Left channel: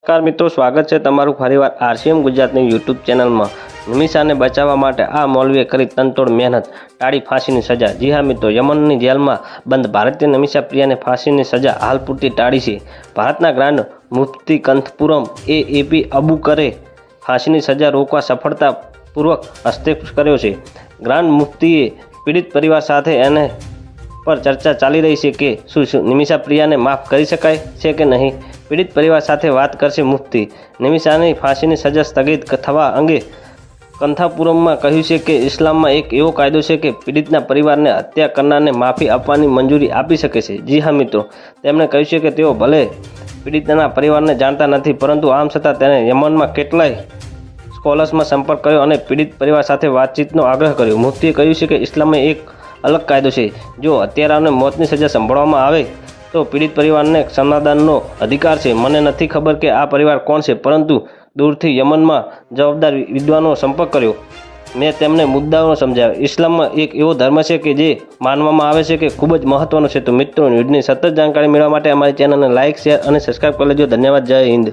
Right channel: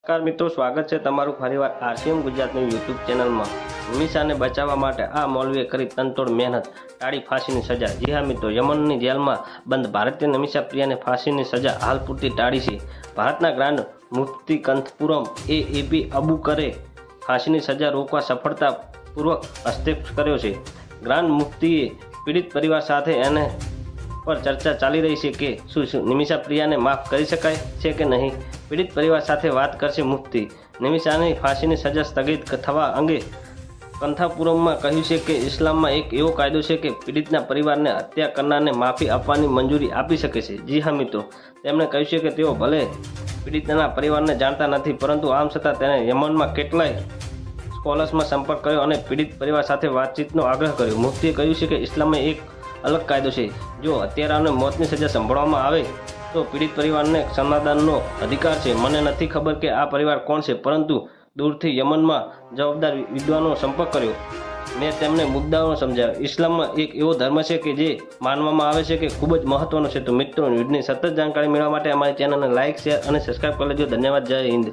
નમસ્કાર મિત્રો, સ્વાગત છે તમારું ફરીવાર આરસીએમ ગુજરાતની યુટ્યુબ ચેનલમાં. નિમિષાને બચાવવા માટે આ મૌલવીએ કરી તનતોડ મહેનત ટાળી ફાંસીની સજા. જી હા મિત્રો, યમનની જેલમાં બંધ ભારતીય નમિષા પ્રિયાને ફાંસીની સજા હાલ પૂરતી ટાળી છે. ભારતના ગ્રાન્ડ મુફ્તી કંથપુરમ એ એપી અબુકરે ફાંસીની સજા રોકવા સફળતાપૂર્વક હસ્તક્ષેપ કર્યો છે. ગ્રાન્ડ મુફ્તીએ પીડિત પરિવાર સાથે એને પર ચર્ચા ચાલી રહી છે કે શું નિમિષા પ્રિયાને માફ કરી શકાય છે કે નહીં? પીડિત પરિવાર સાથે વાત કરશે મુફ્તી નિમિષાની ફાંસીની સજા સ્થગિત થવા અંગે કંથાપુરમમાં કહ્યું છે કે ઇસ્લામમાં એક એવો કાયદો છે કે પીડિતના પરિવારને હત્યા કરનારને માફી આપવાની મંજૂરી આપી શકે છે. જી હા, મિત્રો. તેમણે કહ્યું છે કે તેઓ ભલે પીડિતના પરિવારને જાણતા નથી, પરંતુ આમ છતાં તેણે યમનમાં કેટલાય સ્કોલર્સમાં સંપર્ક કર્યો અને પીડિત પરિવાર સાથે વાતચીતનો આગ્રહ કર્યો. મુફ્તીએ કહ્યું છે કે ઇસ્લામમાં એક અલગ કાયદો છે. જો હત્યારાને મોતની સજા સંભળવામાં આવે, તો પીડિત પરિવારને ક્ષમાદાનનો અધિકાર છે. મને નથી ખબર કે આ પરિવાર કોણ છે, પરંતુ દૂરથી યમનમાં જવાબદાર વિદ્વાનો સંપર્ક કર્યો. મેં તેમને મુદ્દાઓ સમજાવ્યા. ઇસ્લામમાં એક એવો ધર્મ છે કે જે માનવામાં આવે છે કે ખૂબ જ મહત્વનો છે. તો મિત્રો, ન્યૂઝની સતત જાણકારી મેળવવા માટે અમારી ચેનલને લાઇક શેર અને સબસ્ક્રાઈબ કરી લેજો. ધન્યવાદ. જય હિન્દ.